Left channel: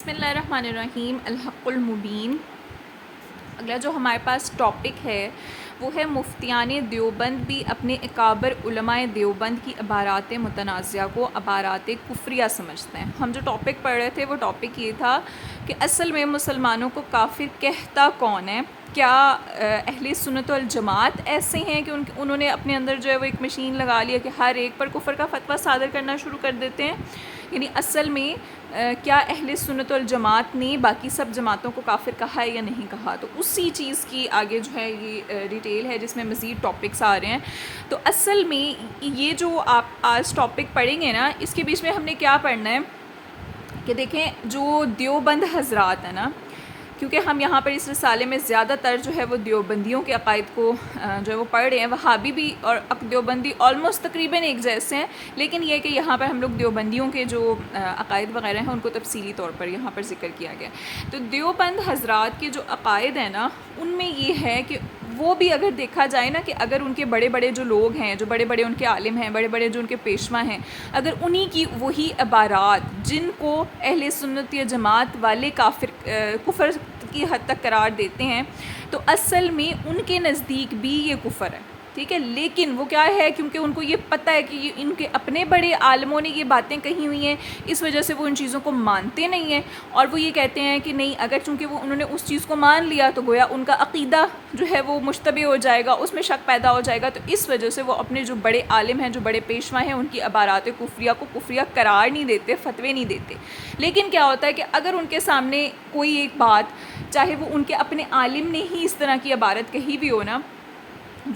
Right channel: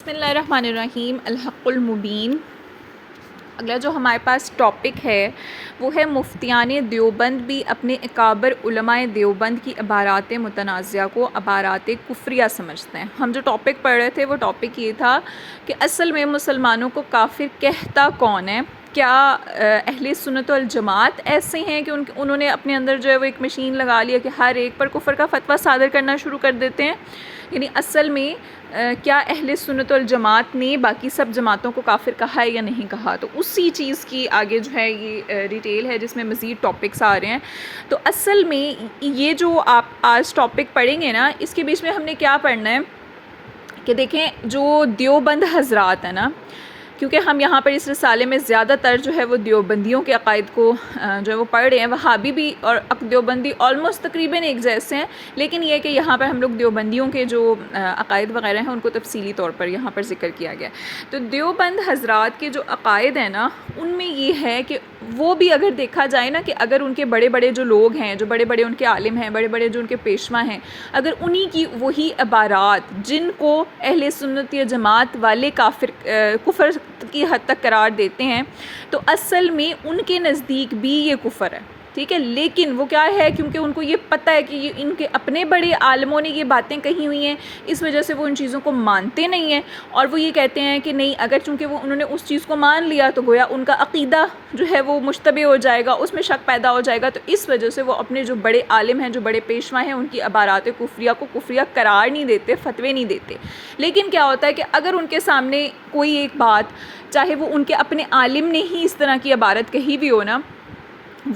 بسم اللہ الرحمن الرحیم، الحق المبین۔ اگلا جو ہمارے پاس ٹاپک ہے وہ ہے مفتیان دیوبند بھی اپنے اکابر علماء دیوبند کی عبارات متنازعہ کو عبارات کفریہ سمجھتے ہیں۔ ہم جو ٹاپک پڑھ رہے تھے وہ ٹاپک یہ تھا کہ اصل میں مسلمانوں کو کافر کہتا کون ہے؟ کیا اہل سنت والجماعت ایسے ہیں کہ انہوں نے اپنے اندر جو ہے وہ ایک مشین لگا لیا کہ ہر ایک پر کفر کا فتویٰ صادر کرنا شروع کر دیتے ہیں؟ یعنی اصل میں کیا اہل سنت والجماعت نے باقی سب جماعتوں کو کافر کہا ہے یا نہیں کہا؟ تو اسی چیز کی آگے جو ہے یہ ڈیٹیل ہے جس میں مزید ٹاپکس آ رہے ہیں۔ تو اصل میں یہ جو آپ آج ٹاپک پڑھیں گے نا، اس کے بیچ میں ہم نے کیا پڑھنا ہے کہ دیکھیں جو دیوبند حضرات ہیں نا، کیونکہ ہم یہاں پر اس رسالے میں زیادہ تر جو ہے وہ دیوبندیوں کے عقائد کو جو ہے وہ پڑھ رہے ہیں۔ وہابی بھی اور دیوبندی آلموسٹ تقریباً ایک جیسے ہیں، لیکن یہ کہ یہاں پر ہم لوگ دیوبندیوں کے جو عقائد وغیرہ ہیں ان کو تفصیلی طور پر یہاں پر ذکر کیا گیا۔ تو دیوبند حضرات کے جو عقائد ہیں نا، ان میں یہ ہے کہ وہ بھی اگر دیکھا جائے نا کہ اگر ان کے بڑے بڑے جو لوگ ہیں، جو بڑے بڑے ان کے عالم ہیں، بڑے بڑے جو ان کے پیشوا ہیں، اگر انہی کی وہی عبارات جن کو اہل سنت یا جماعت والے کفر کی حد تک قرار دیتے ہیں، تو اصل میں ان کے نزدیک بھی یہ کفر ہے، ٹھیک ہے۔ لیکن وہ کیا ہے، کیونکہ ان کو یہ پتہ ہے کہ یہ ان کے اپنے بڑے عالموں نے یہ باتیں کہی ہوئی ہیں، اس وجہ سے وہ ان چیزوں کو مانتے نہیں ہیں، اور وہ یہ کہتے ہیں کہ نہیں، اگر چونکہ وہ انہوں نے اس چیز کو مان لیا تو گویا ان کا عقیدہ جو ہے وہ مشتبہ ہو جائے گا، اس میں شک پیدا ہو جائے گا، تو اس وجہ سے وہ اپنے جو بڑے عالم ہیں، جو بڑے پیشوا ہیں، ان کی عبارات کفریہ کو کفریہ قرار نہیں دیتے، فتوے نہیں دیتے۔ لیکن کیا ہوتا ہے کہ اگر ان کے سامنے کوئی ایک بات، چاہے وہ ان کے اپنے عالم نے ہی اس طرح کی عبارت کہی بھی ہو نا،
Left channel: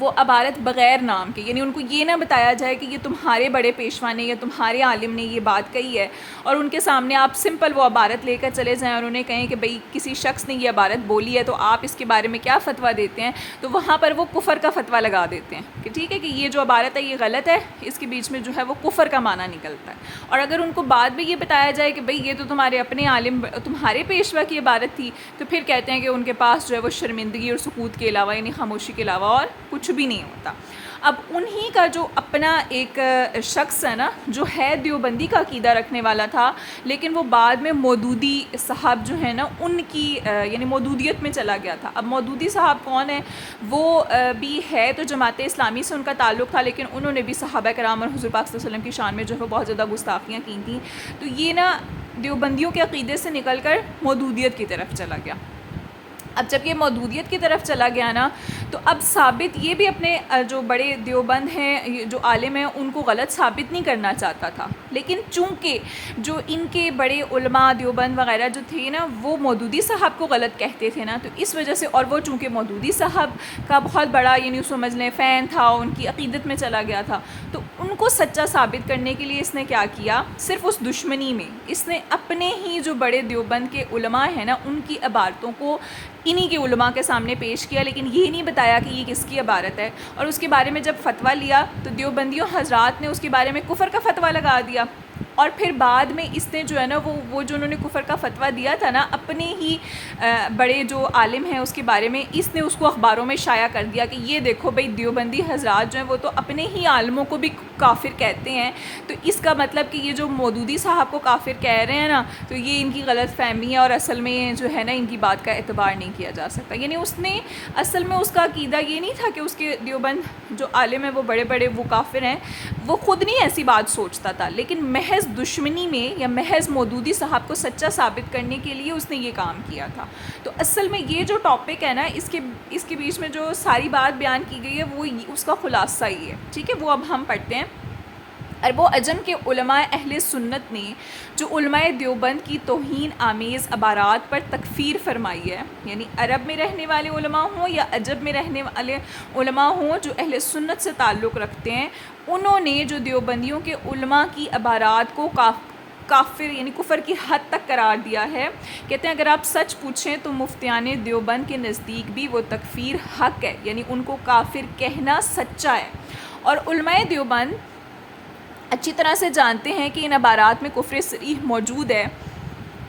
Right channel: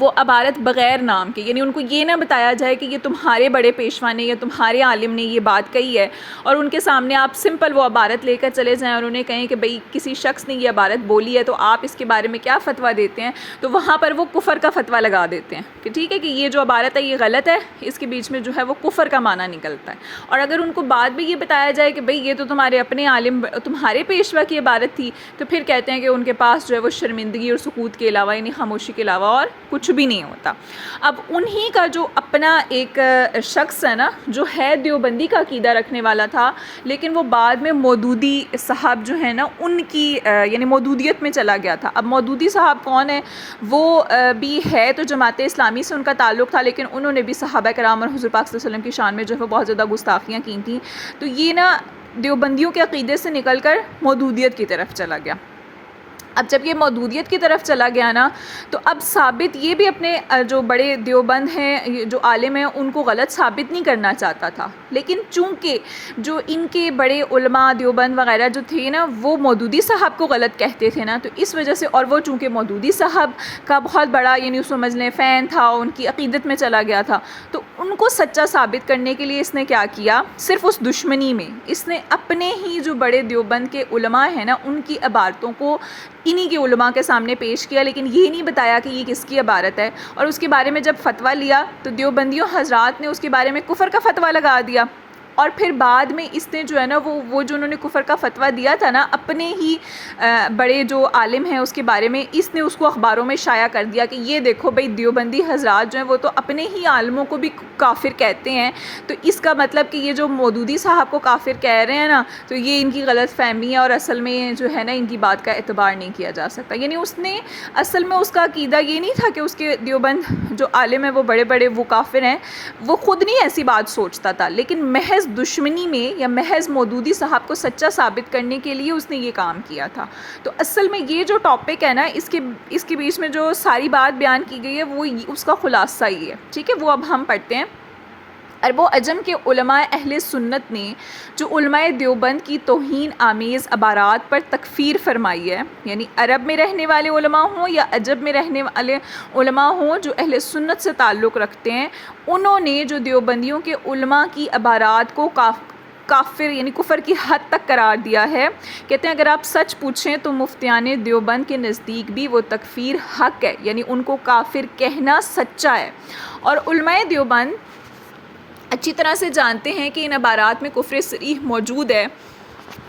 وہ عبارت بغیر نام کے، یعنی ان کو یہ نہ بتایا جائے کہ یہ تمہارے بڑے پیشوا نے یا تمہارے عالم نے یہ بات کہی ہے، اور ان کے سامنے آپ سمپل وہ عبارت لے کر چلے جائیں اور انہیں کہیں کہ بھئی کسی شخص نے یہ عبارت بولی ہے تو آپ اس کے بارے میں کیا فتویٰ دیتے ہیں، تو وہاں پر وہ کفر کا فتویٰ لگا دیتے ہیں کہ ٹھیک ہے کہ یہ جو عبارت ہے یہ غلط ہے، اس کے بیچ میں جو ہے وہ کفر کا معنی نکلتا ہے۔ اور اگر ان کو بعد میں یہ بتایا جائے کہ بھئی یہ تو تمہارے اپنے عالم، تمہارے پیشوا کی عبارت تھی، تو پھر کہتے ہیں کہ ان کے پاس جو ہے وہ شرمندگی اور سکوت کے علاوہ، یعنی خاموشی کے علاوہ اور کچھ بھی نہیں ہوتا۔ اب انہی کا جو اپنا ایک شخص ہے نا، جو ہے دیوبندی کا عقیدہ رکھنے والا تھا، لیکن وہ بعد میں مودودی صاحب جو ہے نا ان کی یعنی مودودیت میں چلا گیا تھا۔ اب مودودی صاحب کون ہے؟ وہ بھی ہے تو جماعت اسلامی سے ان کا تعلق تھا، لیکن انہوں نے بھی صحابہ کرام اور حضور پاک صلی اللہ علیہ وسلم کی شان میں جو ہے بہت زیادہ گستاخیاں کی تھیں، تو یہ نا دیوبندیوں کے عقیدے سے نکل کر مودودیت کی طرف چلا گیا۔ اب جب یہ مودودیت کی طرف چلا گیا نا، تو اب ثابت یہ بھی اپنے جو بڑے دیوبند ہیں، جو عالم ہیں، ان کو غلط ثابت نہیں کرنا چاہتا تھا، لیکن چونکہ جو ان کے بڑے علماء دیوبند وغیرہ جو تھے نا، وہ مودودی صاحب کو غلط کہتے تھے نا، تو اس وجہ سے، اور وہ چونکہ مودودی صاحب کا بہت بڑا یعنی سمجھ لیں فین تھا، ان کی عقیدت میں چلا گیا تھا، تو ان کو سچا ثابت کرنے کے لیے اس نے کیا کیا، صرف اس دشمنی میں اس نے اپنے ہی جو بڑے دیوبند کے علماء ہیں نا، ان کی عبارتوں کو انہی کے علماء کے سامنے پیش کیا، لیکن یہ نہیں بتایا کہ یہ کس کی عبارت ہے، اور اس کے بارے میں جب فتویٰ لیا تو دیوبندیوں حضرات نے اس کے بارے میں کفر کا فتویٰ لگا دیا، اور پھر بعد میں اس نے جو ہے نا وہ جو انہوں نے کفر کا فتویٰ دیا تھا نا، اپنے ہی بڑے جو عالم ہیں اس کے بارے میں اس نے اس کو اخباروں میں شائع کر دیا کہ یہ دیکھو بھئی دیوبندی حضرات جو ہیں وہ تو اپنے ہی عالموں کو بھی کافر کہتے ہیں، تو اس کا مطلب کہ یہ جو مودودی صاحب کو کافر کہہ رہے ہیں نا، تو یہ ان کی غلط فہمی ہے، اور اصل میں جو ہے نا ان کی بات کا اعتبار نہیں کیا جا سکتا۔ یعنی اس نے اصل میں اس کا عقیدہ یہ نہیں تھا کہ اس کے دیوبند جو عالم ہیں وہ بڑے بڑے وہ کافر ہیں، وہ خود نہیں ایسی بات سوچتا تھا، لیکن محض دشمنی میں یا محض مودودی صاحب کو سچا ثابت کرنے کے لیے اس نے یہ کام کیا تھا۔ تو اصل میں یہ جو ٹاپک ہے نا، اس کے بیچ میں جو ساری بات بیان کی گئی ہے وہ اس کا خلاصہ ہی ہے، ٹھیک ہے۔ وہ اب ہم پڑھتے ہیں۔ عرب و عجم کے علماء اہل سنت نے جو علماء دیوبند کی توہین آمیز عبارات پر تکفیر فرمائی ہے، یعنی عرب میں رہنے والے علماء ہوں یا عجم میں رہنے والے علماء ہوں جو اہل سنت سے تعلق رکھتے ہیں، انہوں نے جو دیوبندیوں کے علماء کی عبارات کو کافر یعنی کفر کی حد تک قرار دیا ہے۔ کہتے ہیں اگر آپ سچ پوچھیں تو مفتیان دیوبند کے نزدیک بھی وہ تکفیر حق ہے، یعنی ان کو کافر کہنا سچا ہے، اور علماء دیوبند اچھی طرح سے جانتے ہیں کہ ان عبارات میں کفر صریح موجود ہے،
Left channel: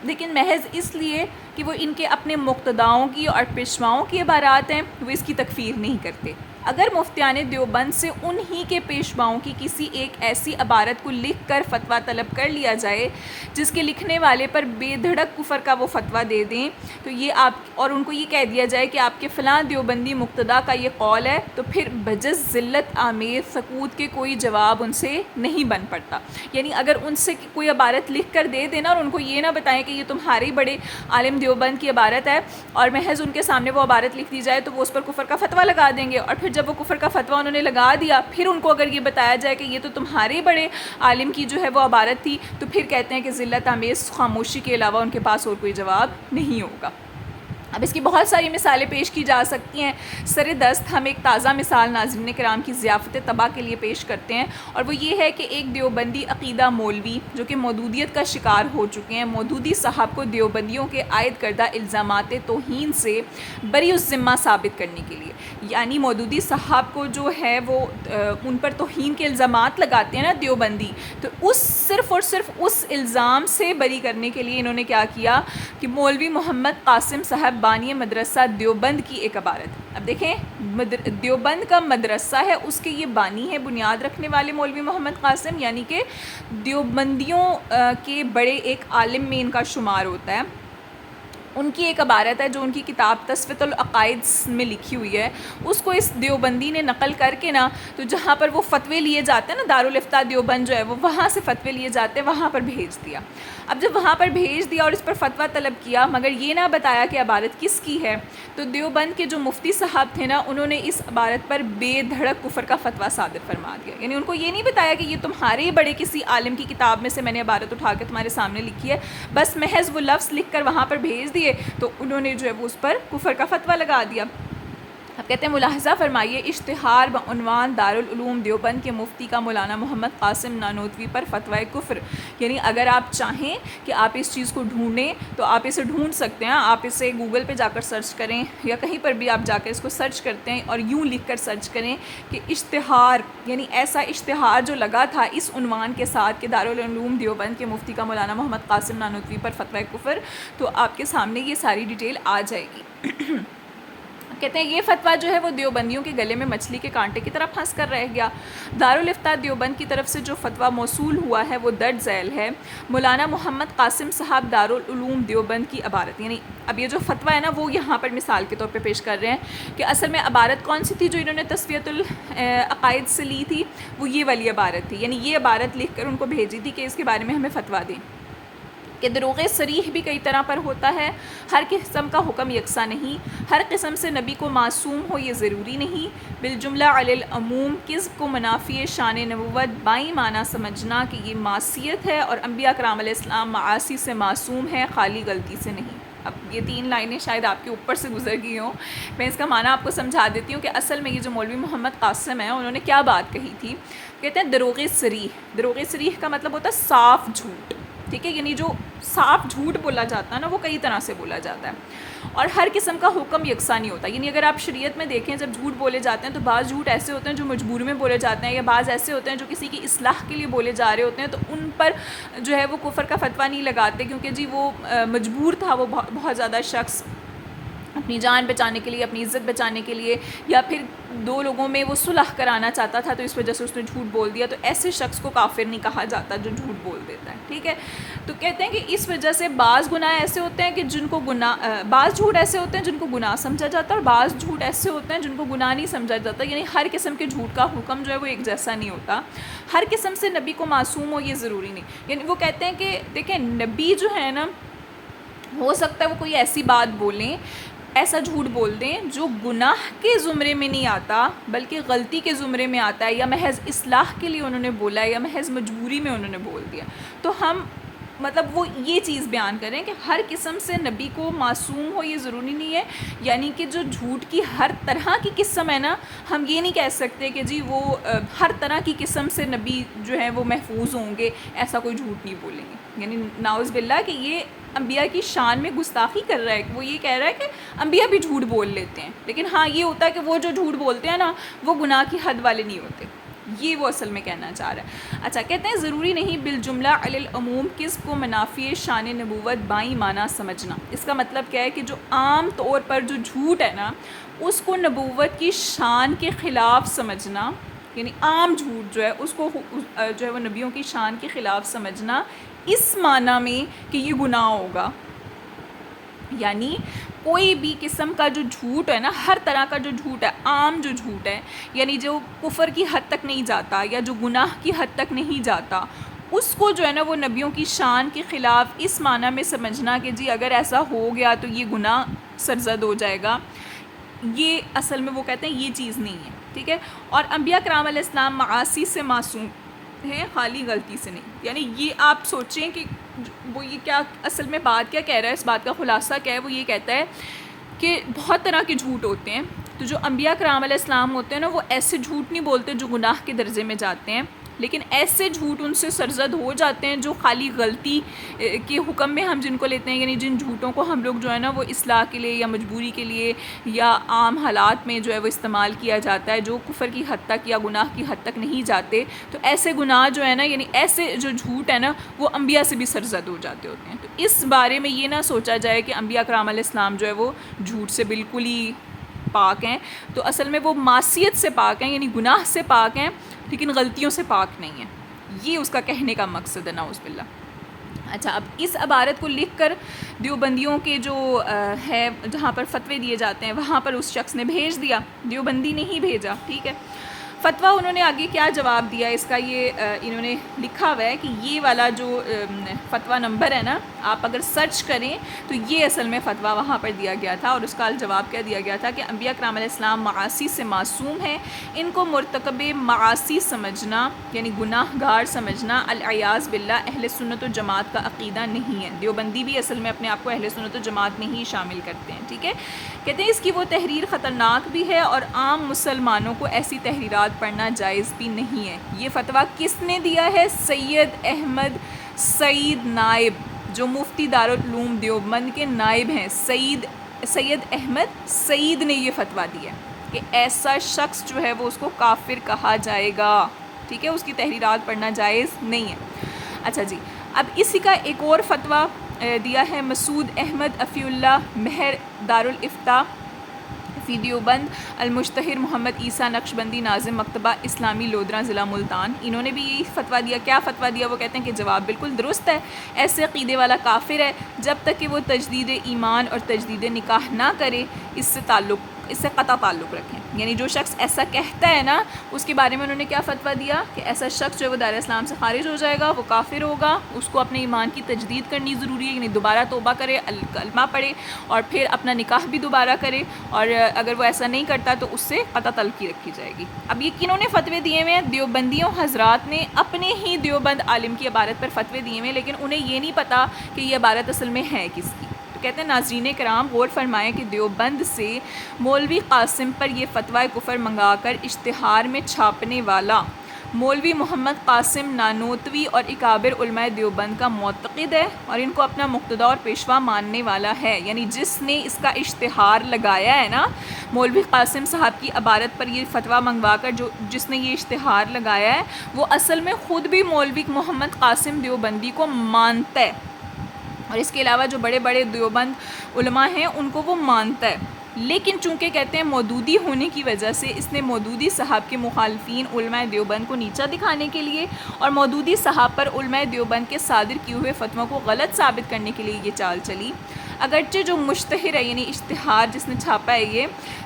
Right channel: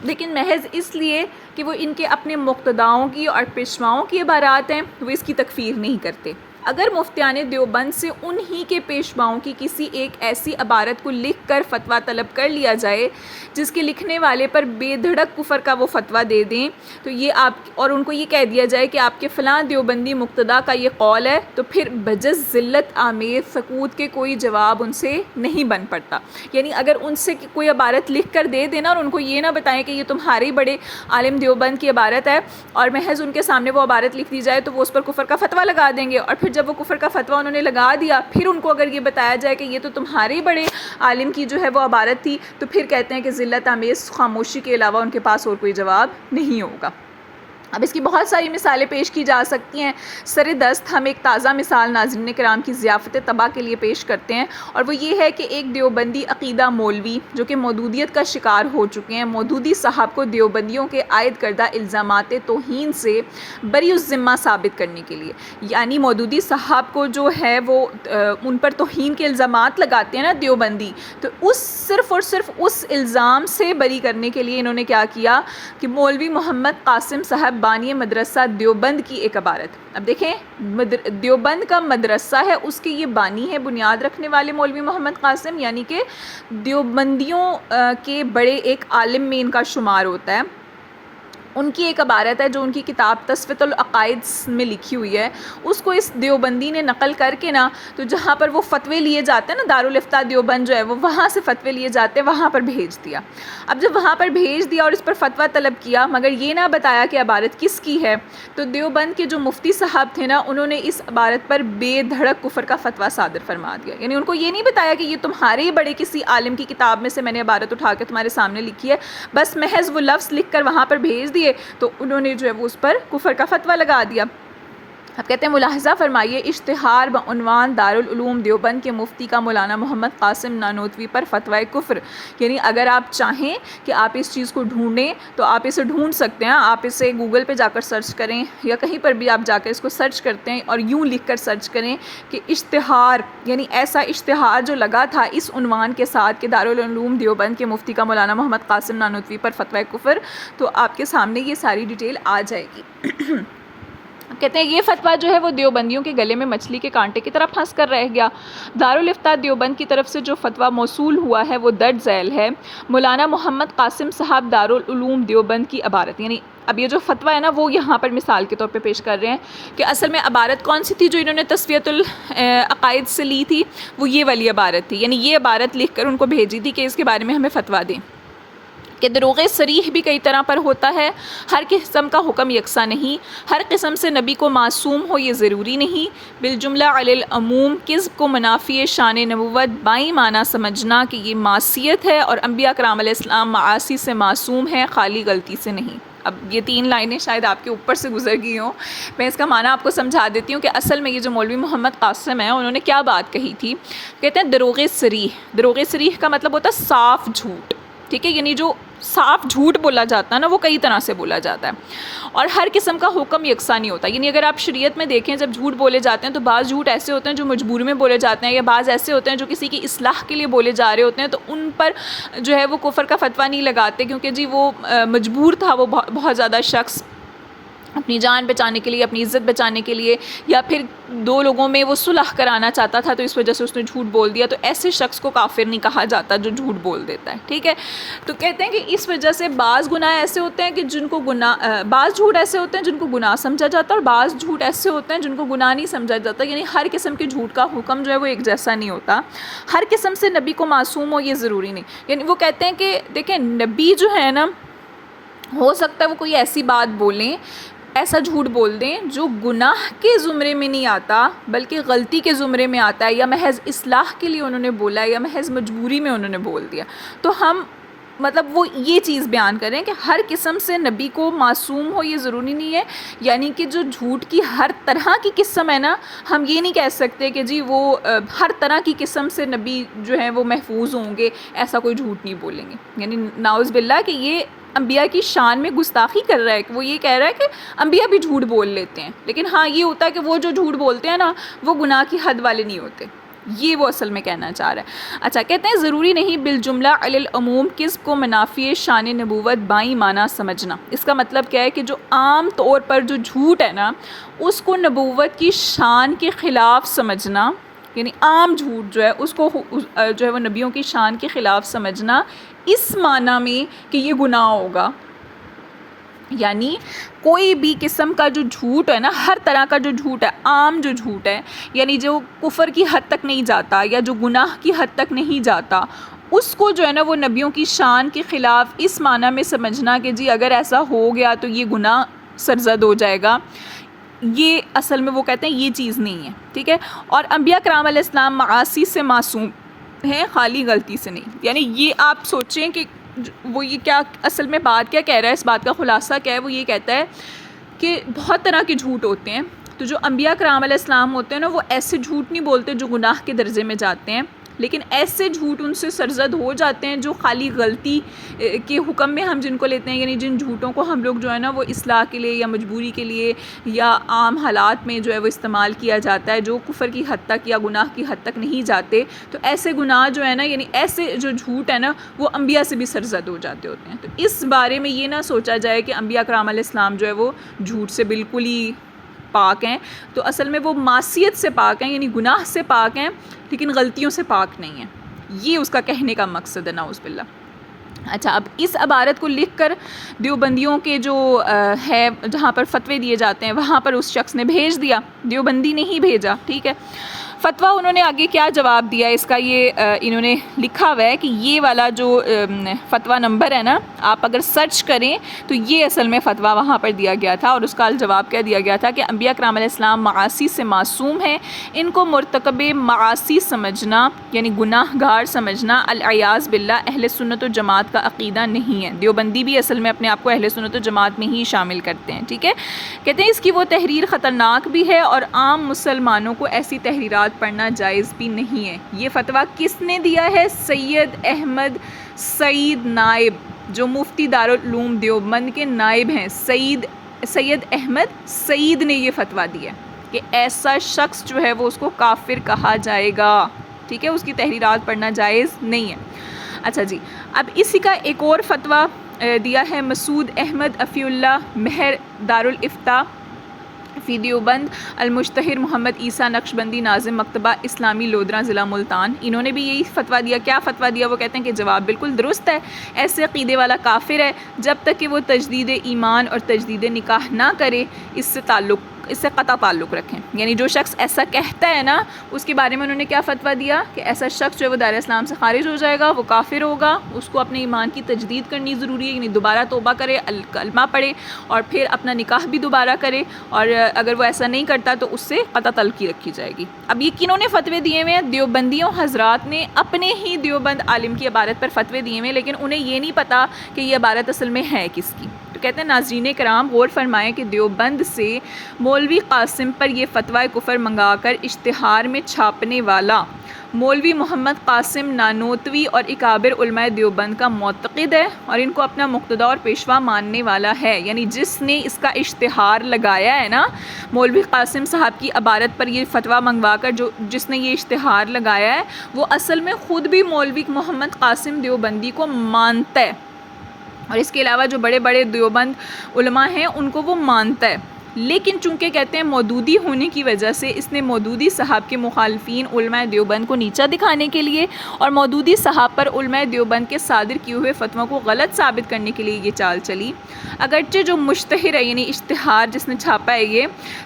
لیکن محض اس لیے کہ وہ ان کے اپنے مقتداؤں کی اور پیشواؤں کی عبارات ہیں، وہ اس کی تکفیر نہیں کرتے۔ اگر مفتیان دیوبند سے انہی کے پیشواؤں کی کسی ایک ایسی عبارت کو لکھ کر فتویٰ طلب کر لیا جائے جس کے لکھنے والے پر بے دھڑک کفر کا وہ فتویٰ دے دیں تو یہ آپ اور ان کو یہ کہہ دیا جائے کہ آپ کے فلاں دیوبندی مقتدا کا یہ قول ہے، تو پھر بجز ذلت آمیز سکوت کے کوئی جواب ان سے نہیں بن پڑتا. یعنی اگر ان سے کوئی عبارت لکھ کر دے دینا اور ان کو یہ نہ بتائیں کہ یہ تمہارے بڑے عالم دیوبند کی عبارت ہے اور محض ان کے سامنے وہ عبارت لکھ دی جائے تو وہ اس پر کفر کا فتویٰ لگا دیں گے، اور پھر جب وہ کفر کا فتویٰ انہوں نے لگا دیا پھر ان کو اگر یہ بتایا جائے کہ یہ تو تمہارے بڑے عالم کی جو ہے وہ عبارت تھی، تو پھر کہتے ہیں کہ ذلت آمیز خاموشی کے علاوہ ان کے پاس اور کوئی جواب نہیں ہوگا. اب اس کی بہت ساری مثالیں پیش کی جا سکتی ہیں. سر دست ہم ایک تازہ مثال ناظرین کرام کی ضیافت طبع کے لیے پیش کرتے ہیں، اور وہ یہ ہے کہ ایک دیوبندی عقیدہ مولوی جو کہ مودودیت کا شکار ہو چکے ہیں، مودودی صاحب کو دیوبندیوں کے عائد کردہ الزامات توہین سے بری الذمہ ثابت کرنے کے لیے، یعنی مودودی صاحب کو جو ہے وہ ان پر توہین کے الزامات لگاتے ہیں نا دیوبندی، تو صرف اور صرف اس الزام سے بری کرنے کے لیے انہوں نے کیا کیا کہ مولوی محمد قاسم صاحب بانی مدرسہ دیوبند کی ایک عبارت. اب دیکھیں دیوبند کا مدرسہ ہے، اس کے یہ بانی ہے، بنیاد رکھنے والے مولوی محمد قاسم، یعنی کہ دیوبندیوں کے بڑے ایک عالم میں ان کا شمار ہوتا ہے. ان کی ایک عبارت ہے جو ان کی کتاب تصفیۃ العقائد میں لکھی ہوئی ہے، اس کو اس دیوبندی نے نقل کر کے نا، تو جہاں پر وہ فتوے لیے جاتے ہیں نا، دارالافتاء دیوبند جو ہے وہ وہاں سے فتوے لیے جاتے ہیں، وہاں پر بھیج دیا. اب جب وہاں پر بھیج دیا اور اس پر فتویٰ طلب کیا مگر یہ نہ بتایا کہ عبارت کس کی ہے، تو دیوبند کے جو مفتی صاحب تھے نا، انہوں نے اس عبارت پر بے دھڑک کفر کا فتویٰ صادر فرما دیا. یعنی ان کو یہ نہیں بتایا کہ یہ تمہارے بڑے کسی عالم کی کتاب میں سے میں نے عبارت اٹھا کے تمہارے سامنے لکھی ہے، بس محض وہ لفظ لکھ کر وہاں پر بھیج دیے تو انہوں نے جو ہے وہ اس پر کفر کا فتویٰ لگا دیا. اب کہتے ہیں ملاحظہ فرمائیے، اشتہار بعنوان دارالعلوم دیوبند کے مفتی کا مولانا محمد قاسم نانوتوی پر فتویٰ کفر. یعنی اگر آپ چاہیں کہ آپ اس چیز کو ڈھونڈیں تو آپ اسے ڈھونڈ سکتے ہیں، آپ اسے گوگل پہ جا کر سرچ کریں یا کہیں پر بھی آپ جا کر اس کو سرچ کرتے ہیں اور یوں لکھ کر سرچ کریں کہ اشتہار، یعنی ایسا اشتہار جو لگا تھا اس عنوان کے ساتھ کہ دارالعلوم دیوبند کے مفتی کا مولانا محمد قاسم نانوتوی پر فتویٰ کفر، تو آپ کے سامنے یہ ساری ڈیٹیل آ جائے گی. کہتے ہیں یہ فتویٰ جو ہے وہ دیوبندیوں کے گلے میں مچھلی کے کانٹے کی طرح پھنس کر رہ گیا. دارالافتاء دیوبند کی طرف سے جو فتویٰ موصول ہوا ہے وہ درج ذیل ہے. مولانا محمد قاسم صاحب دارالعلوم دیوبند کی عبارت، یعنی اب یہ جو فتویٰ ہے نا وہ یہاں پر مثال کے طور پہ پیش کر رہے ہیں کہ اصل میں عبارت کون سی تھی جو انہوں نے تصفیۃ العقائد سے لی تھی، وہ یہ والی عبارت تھی. یعنی یہ عبارت لکھ کر ان کو بھیجی تھی کہ اس کے بارے میں ہمیں فتویٰ دیں کہ دروغ صریح بھی کئی طرح پر ہوتا ہے، ہر قسم کا حکم یکساں نہیں، ہر قسم سے نبی کو معصوم ہو یہ ضروری نہیں، بالجملہ علی العموم کذب کو منافی شان نبوت بائیں معنی سمجھنا کہ یہ معصیت ہے، اور انبیاء کرام علیہ السلام معاصی سے معصوم ہے، خالی غلطی سے نہیں. اب یہ 3 لائنیں شاید آپ کے اوپر سے گزر گئی ہوں، میں اس کا معنی آپ کو سمجھا دیتی ہوں کہ اصل میں یہ جو مولوی محمد قاسم ہیں انہوں نے کیا بات کہی تھی. کہتے ہیں دروغ صریح، دروغ صریح کا مطلب ہوتا ہے صاف جھوٹ، ٹھیک ہے. یعنی جو صاف جھوٹ بولا جاتا ہے نا وہ کئی طرح سے بولا جاتا ہے، اور ہر قسم کا حکم یکساں نہیں ہوتا. یعنی اگر آپ شریعت میں دیکھیں جب جھوٹ بولے جاتے ہیں تو بعض جھوٹ ایسے ہوتے ہیں جو مجبوری میں بولے جاتے ہیں، یا بعض ایسے ہوتے ہیں جو کسی کی اصلاح کے لیے بولے جا رہے ہوتے ہیں، تو ان پر جو ہے وہ کفر کا فتویٰ نہیں لگاتے، کیونکہ جی وہ مجبور تھا، وہ بہت زیادہ شخص اپنی جان بچانے کے لیے، اپنی عزت بچانے کے لیے، یا پھر 2 لوگوں میں وہ صلح کرانا چاہتا تھا تو اس وجہ سے اس نے جھوٹ بول دیا، تو ایسے شخص کو کافر نہیں کہا جاتا جو جھوٹ بول دیتا ہے، ٹھیک ہے. تو کہتے ہیں کہ اس وجہ سے بعض گناہ ایسے ہوتے ہیں کہ جن کو بعض جھوٹ ایسے ہوتے ہیں جن کو گناہ سمجھا جاتا ہے، اور بعض جھوٹ ایسے ہوتے ہیں جن کو گناہ نہیں سمجھا جاتا. یعنی ہر قسم کے جھوٹ کا حکم جو ہے وہ ایک جیسا نہیں ہوتا، ہر قسم سے نبی کو معصوم ہو یہ ضروری نہیں. یعنی وہ کہتے ہیں کہ دیکھیں نبی جو ہے نا، ہو سکتا ہے وہ کوئی ایسی بات بولیں، ایسا جھوٹ بول دیں جو گناہ کے زمرے میں نہیں آتا بلکہ غلطی کے زمرے میں آتا ہے، یا محض اصلاح کے لیے انہوں نے بولا ہے، یا محض مجبوری میں انہوں نے بول دیا. تو ہم مطلب وہ یہ چیز بیان کریں کہ ہر قسم سے نبی کو معصوم ہو یہ ضروری نہیں ہے. یعنی کہ جو جھوٹ کی ہر طرح کی قسم ہے نا، ہم یہ نہیں کہہ سکتے کہ جی وہ ہر طرح کی قسم سے نبی جو ہیں وہ محفوظ ہوں گے، ایسا کوئی جھوٹ نہیں بولیں گے. یعنی نعوذ باللہ کہ یہ انبیاء کی شان میں گستاخی کر رہا ہے. وہ یہ کہہ رہا ہے کہ انبیاء بھی جھوٹ بول لیتے ہیں، لیکن ہاں یہ ہوتا ہے کہ وہ جو جھوٹ بولتے ہیں نا وہ گناہ کی حد والے نہیں ہوتے. یہ وہ اصل میں کہنا چاہ رہا ہے. اچھا کہتے ہیں ضروری نہیں بالجملہ علی العموم کذب کو منافی شان نبوت بائیں معنی سمجھنا. اس کا مطلب کیا ہے کہ جو عام طور پر جو جھوٹ ہے نا اس کو نبوت کی شان کے خلاف سمجھنا، یعنی عام جھوٹ جو ہے اس کو جو ہے وہ نبیوں کی شان کے خلاف سمجھنا اس معنی میں کہ یہ گناہ ہوگا. یعنی کوئی بھی قسم کا جو جھوٹ ہے نا، ہر طرح کا جو جھوٹ ہے، عام جو جھوٹ ہے، یعنی جو کفر کی حد تک نہیں جاتا یا جو گناہ کی حد تک نہیں جاتا، اس کو جو ہے نا وہ نبیوں کی شان کے خلاف اس معنی میں سمجھنا کہ جی اگر ایسا ہو گیا تو یہ گناہ سرزد ہو جائے گا. یہ اصل میں وہ کہتے ہیں یہ چیز نہیں ہے. ٹھیک ہے. اور انبیاء کرام علیہ السلام معاصی سے معصوم ہیں، خالی غلطی سے نہیں. یعنی یہ آپ سوچیں کہ وہ یہ کیا اصل میں بات کیا کہہ رہا ہے، اس بات کا خلاصہ کیا ہے. وہ یہ کہتا ہے کہ بہت طرح کے جھوٹ ہوتے ہیں، تو جو انبیاء کرام علیہ السلام ہوتے ہیں نا وہ ایسے جھوٹ نہیں بولتے جو گناہ کے درجے میں جاتے ہیں، لیکن ایسے جھوٹ ان سے سرزد ہو جاتے ہیں جو خالی غلطی کے حکم میں ہم جن کو لیتے ہیں، یعنی جن جھوٹوں کو ہم لوگ جو ہے نا وہ اصلاح کے لیے یا مجبوری کے لیے یا عام حالات میں جو ہے وہ استعمال کیا جاتا ہے، جو کفر کی حد تک یا گناہ کی حد تک نہیں جاتے. تو ایسے گناہ جو ہے نا، یعنی ایسے جو جھوٹ ہے نا وہ انبیاء سے بھی سرزد ہو جاتے ہوتے ہیں. تو اس بارے میں یہ نہ سوچا جائے کہ انبیاء کرام علیہ السلام جو ہے وہ جھوٹ سے بالکل ہی پاک ہیں. تو اصل میں وہ معصیت سے پاک ہیں، یعنی گناہ سے پاک ہیں، لیکن غلطیوں سے پاک نہیں ہیں. یہ اس کا کہنے کا مقصد ہے، نعوذ باللہ. اچھا اب اس عبارت کو لکھ کر دیوبندیوں کے جو ہے جہاں پر فتوے دیے جاتے ہیں وہاں پر اس شخص نے بھیج دیا، دیوبندی نے ہی بھیجا. ٹھیک ہے. فتویٰ انہوں نے آگے کیا جواب دیا اس کا، یہ انہوں نے لکھا ہوا ہے کہ یہ والا جو فتویٰ نمبر ہے نا، آپ اگر سرچ کریں تو یہ اصل میں فتویٰ وہاں پر دیا گیا تھا. اور اس کا جواب کیا دیا گیا تھا کہ انبیاء کرام علیہ السلام معاصی سے معصوم ہیں، ان کو مرتکب معاصی سمجھنا یعنی گناہ گار سمجھنا العیاذ باللہ اہل سنت و جماعت کا عقیدہ نہیں ہے. دیوبندی بھی اصل میں اپنے آپ کو اہل سنت و جماعت میں ہی شامل کرتے ہیں. ٹھیک ہے. کہتے ہیں اس کی وہ تحریر خطرناک بھی ہے اور عام مسلمانوں کو ایسی تحریرات پڑھنا جائز بھی نہیں ہے. یہ فتویٰ کس نے دیا ہے؟ سید احمد سعید نائب، جو مفتی دارالعلوم دیوبند کے نائب ہیں. سید احمد سعید نے یہ فتویٰ دیا کہ ایسا شخص جو ہے وہ اس کو کافر کہا جائے گا. ٹھیک ہے. اس کی تحریرات پڑھنا جائز نہیں ہے. اچھا جی، اب اسی کا ایک اور فتویٰ دیا ہے مسعود احمد افی اللہ مہر دارالافتاء فی دیوبند المشتہر محمد عیسیٰ نقشبندی ناظم مکتبہ اسلامی لودھراں ضلع ملتان. انہوں نے بھی یہی فتویٰ دیا. کیا فتویٰ دیا؟ وہ کہتے ہیں کہ جواب بالکل درست ہے، ایسے عقیدے والا کافر ہے جب تک کہ وہ تجدید ایمان اور تجدید نکاح نہ کرے، اس سے قطع تعلق رکھیں. یعنی جو شخص ایسا کہتا ہے نا اس کے بارے میں انہوں نے کیا فتویٰ دیا کہ ایسا شخص جو ہے وہ دائرہ اسلام سے خارج ہو جائے گا، وہ کافر ہوگا، اس کو اپنے ایمان کی تجدید کرنی ضروری ہے، یعنی دوبارہ توبہ کرے، کلمہ پڑھے اور پھر اپنا نکاح بھی دوبارہ کرے، اور اگر وہ ایسا نہیں کرتا تو اس سے قطع تعلقی رکھی جائے گی. اب یہ کنہوں نے فتوے دیے ہوئے ہیں؟ دیوبندیوں حضرات نے اپنے ہی دیوبند عالم کی عبارت پر فتوے دیے ہوئے ہیں، لیکن انہیں یہ نہیں پتہ کہ یہ عبارت اصل میں ہے کس کی. تو کہتے ہیں ناظرین کرام غور فرمائیں کہ دیوبند سے مولوی قاسم پر یہ فتویٰ کفر منگا کر اشتہار میں چھاپنے والا مولوی محمد قاسم نانوتوی اور اکابر علماء دیوبند کا معتقد ہے اور ان کو اپنا مقتدا اور پیشوا ماننے والا ہے. یعنی جس نے اس کا اشتہار لگایا ہے نا مولوی قاسم صاحب کی عبارت پر یہ فتویٰ منگوا کر جس نے یہ اشتہار لگایا ہے وہ اصل میں خود بھی مولوی محمد قاسم دیوبندی کو مانتا ہے، اور اس کے علاوہ جو بڑے بڑے دیوبند علماء ہیں ان کو وہ مانتا ہے. لیکن چونکہ کہتے ہیں مودودی ہونے کی وجہ سے اس نے مودودی صاحب کے مخالفین علماء دیوبند کو نیچا دکھانے کے لیے اور مودودی صاحب پر علماء دیوبند کے صادر کیے ہوئے فتووں کو غلط ثابت کرنے کے لیے یہ چال چلی. اگرچہ جو مشتہر ہے یعنی اشتہار جس نے چھاپا ہے یہ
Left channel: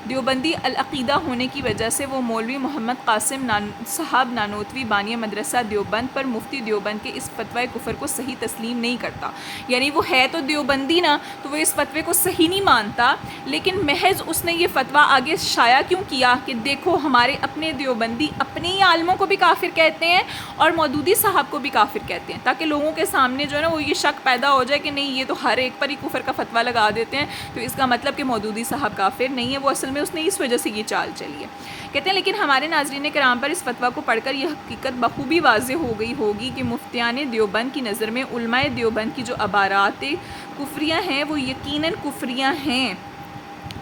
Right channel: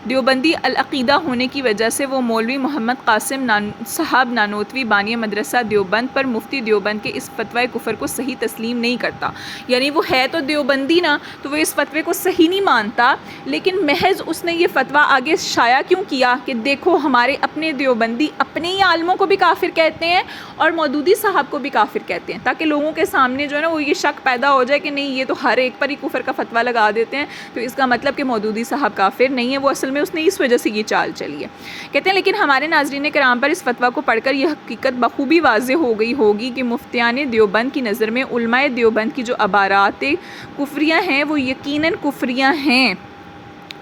دیوبندی العقیدہ ہونے کی وجہ سے وہ مولوی محمد قاسم صاحب نانوتوی بانی مدرسہ دیوبند پر مفتی دیوبند کے اس فتوی کفر کو صحیح تسلیم نہیں کرتا. یعنی وہ ہے تو دیوبندی نا، تو وہ اس فتوے کو صحیح نہیں مانتا، لیکن محض اس نے یہ فتویٰ آگے شائع کیوں کیا کہ دیکھو ہمارے اپنے دیوبندی اپنے ہی عالموں کو بھی کافر کہتے ہیں اور مودودی صاحب کو بھی کافر کہتے ہیں، تاکہ لوگوں کے سامنے جو ہے نا وہ یہ شک پیدا ہو جائے کہ نہیں یہ تو ہر ایک پر ہی کفر کا فتویٰ لگا دیتے ہیں، تو اس کا مطلب کہ مودودی صاحب کافر نہیں ہے. وہ اصل میں اس نے اس وجہ سے یہ چال چلی ہے. کہتے ہیں لیکن ہمارے ناظرین کرام پر اس فتویٰ کو پڑھ کر یہ حقیقت بخوبی واضح ہو گئی ہوگی کہ مفتیان دیوبند کی نظر میں علماء دیوبند کی جو عبارات کفریہ ہیں وہ یقیناً کفریہ ہیں،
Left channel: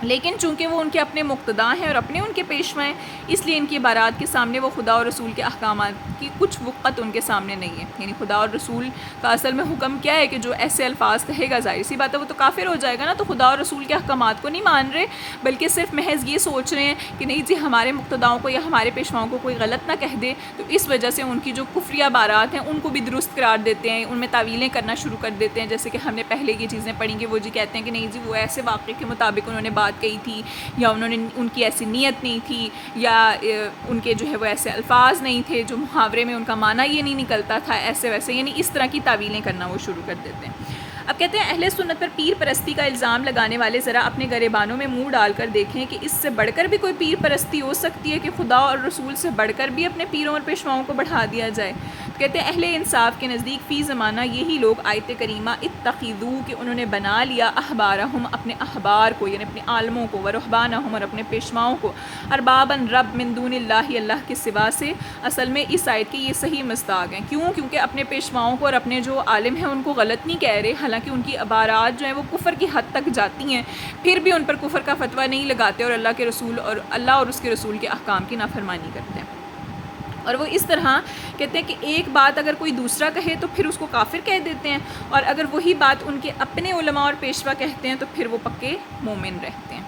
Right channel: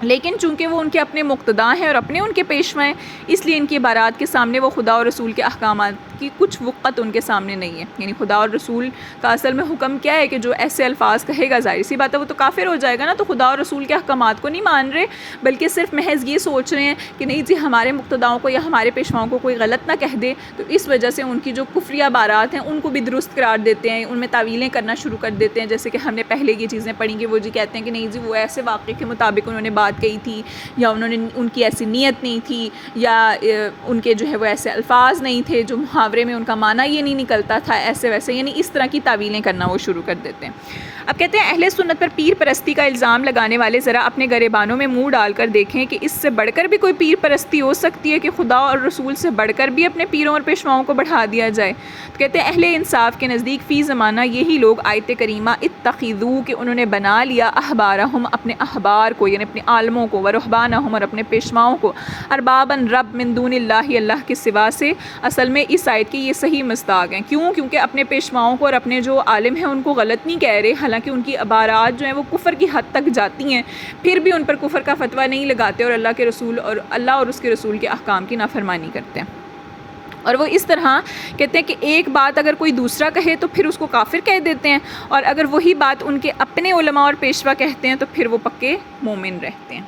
لیکن چونکہ وہ ان کے اپنے مقتدا ہیں اور اپنے ان کے پیشوا ہیں، اس لیے ان کی عبارات کے سامنے وہ خدا اور رسول کے احکامات کی کچھ وقت ان کے سامنے نہیں ہے. یعنی خدا اور رسول کا اصل میں حکم کیا ہے کہ جو ایسے الفاظ کہے گا ظاہر سی بات ہے وہ تو کافر ہو جائے گا نا. تو خدا اور رسول کے احکامات کو نہیں مان رہے، بلکہ صرف محض یہ سوچ رہے ہیں کہ نہیں جی ہمارے مقتداؤں کو یا ہمارے پیشواؤں کو کوئی غلط نہ کہہ دے. تو اس وجہ سے ان کی جو کفری عبارات ہیں ان کو بھی درست قرار دیتے ہیں، ان میں تعویلیں کرنا شروع کر دیتے ہیں. جیسے کہ ہم نے پہلے یہ چیزیں پڑھی کہ وہ جی کہتے ہیں کہ نہیں جی وہ ایسے واقعے کے مطابق انہوں نے بات کہی تھی، یا انہوں نے ان کی ایسی نیت نہیں تھی، یا ان کے جو ہے وہ ایسے الفاظ نہیں تھے جو محاورے میں ان کا معنی یہ نہیں نکلتا تھا، ایسے ویسے، یعنی اس طرح کی تعویلیں کرنا وہ شروع کر دیتے ہیں. اب کہتے ہیں اہل سنت پر پیر پرستی کا الزام لگانے والے ذرا اپنے گریبانوں میں منہ ڈال کر دیکھیں کہ اس سے بڑھ کر بھی کوئی پیر پرستی ہو سکتی ہے کہ خدا اور رسول سے بڑھ کر بھی اپنے پیروں اور پیشواؤں کو بڑھا دیا جائے. تو کہتے ہیں اہل انصاف کے نزدیک فی زمانہ یہی لوگ آیت کریمہ اتخذو کہ انہوں نے بنا لیا احبارہم اپنے احبار کو یعنی اپنے عالموں کو، ورہبانہم اور اپنے پیشواؤں کو، اربابن رب من دون اللہ اللہ کے سوا سے. اصل میں اس آیت کی یہ صحیح مصداق ہیں. کیوں؟ کیونکہ اپنے پیشواؤں کو اور اپنے جو عالم ہیں ان کو غلط نہیں کہہ رہے، حالانکہ ان کی عبارات جو ہیں وہ کفر کی حد تک جاتی ہیں، پھر بھی ان پر کفر کا فتویٰ نہیں لگاتے اور اللہ اور اس کے رسول کے احکام کی نافرمانی کرتے ہیں. اور وہ اس طرح کہتے ہیں کہ ایک بات اگر کوئی دوسرا کہے تو پھر اس کو کافر کہہ دیتے ہیں، اور اگر وہی بات ان کے اپنے علماء اور پیشوا کہتے ہیں تو پھر وہ پکے مومن رہتے ہیں.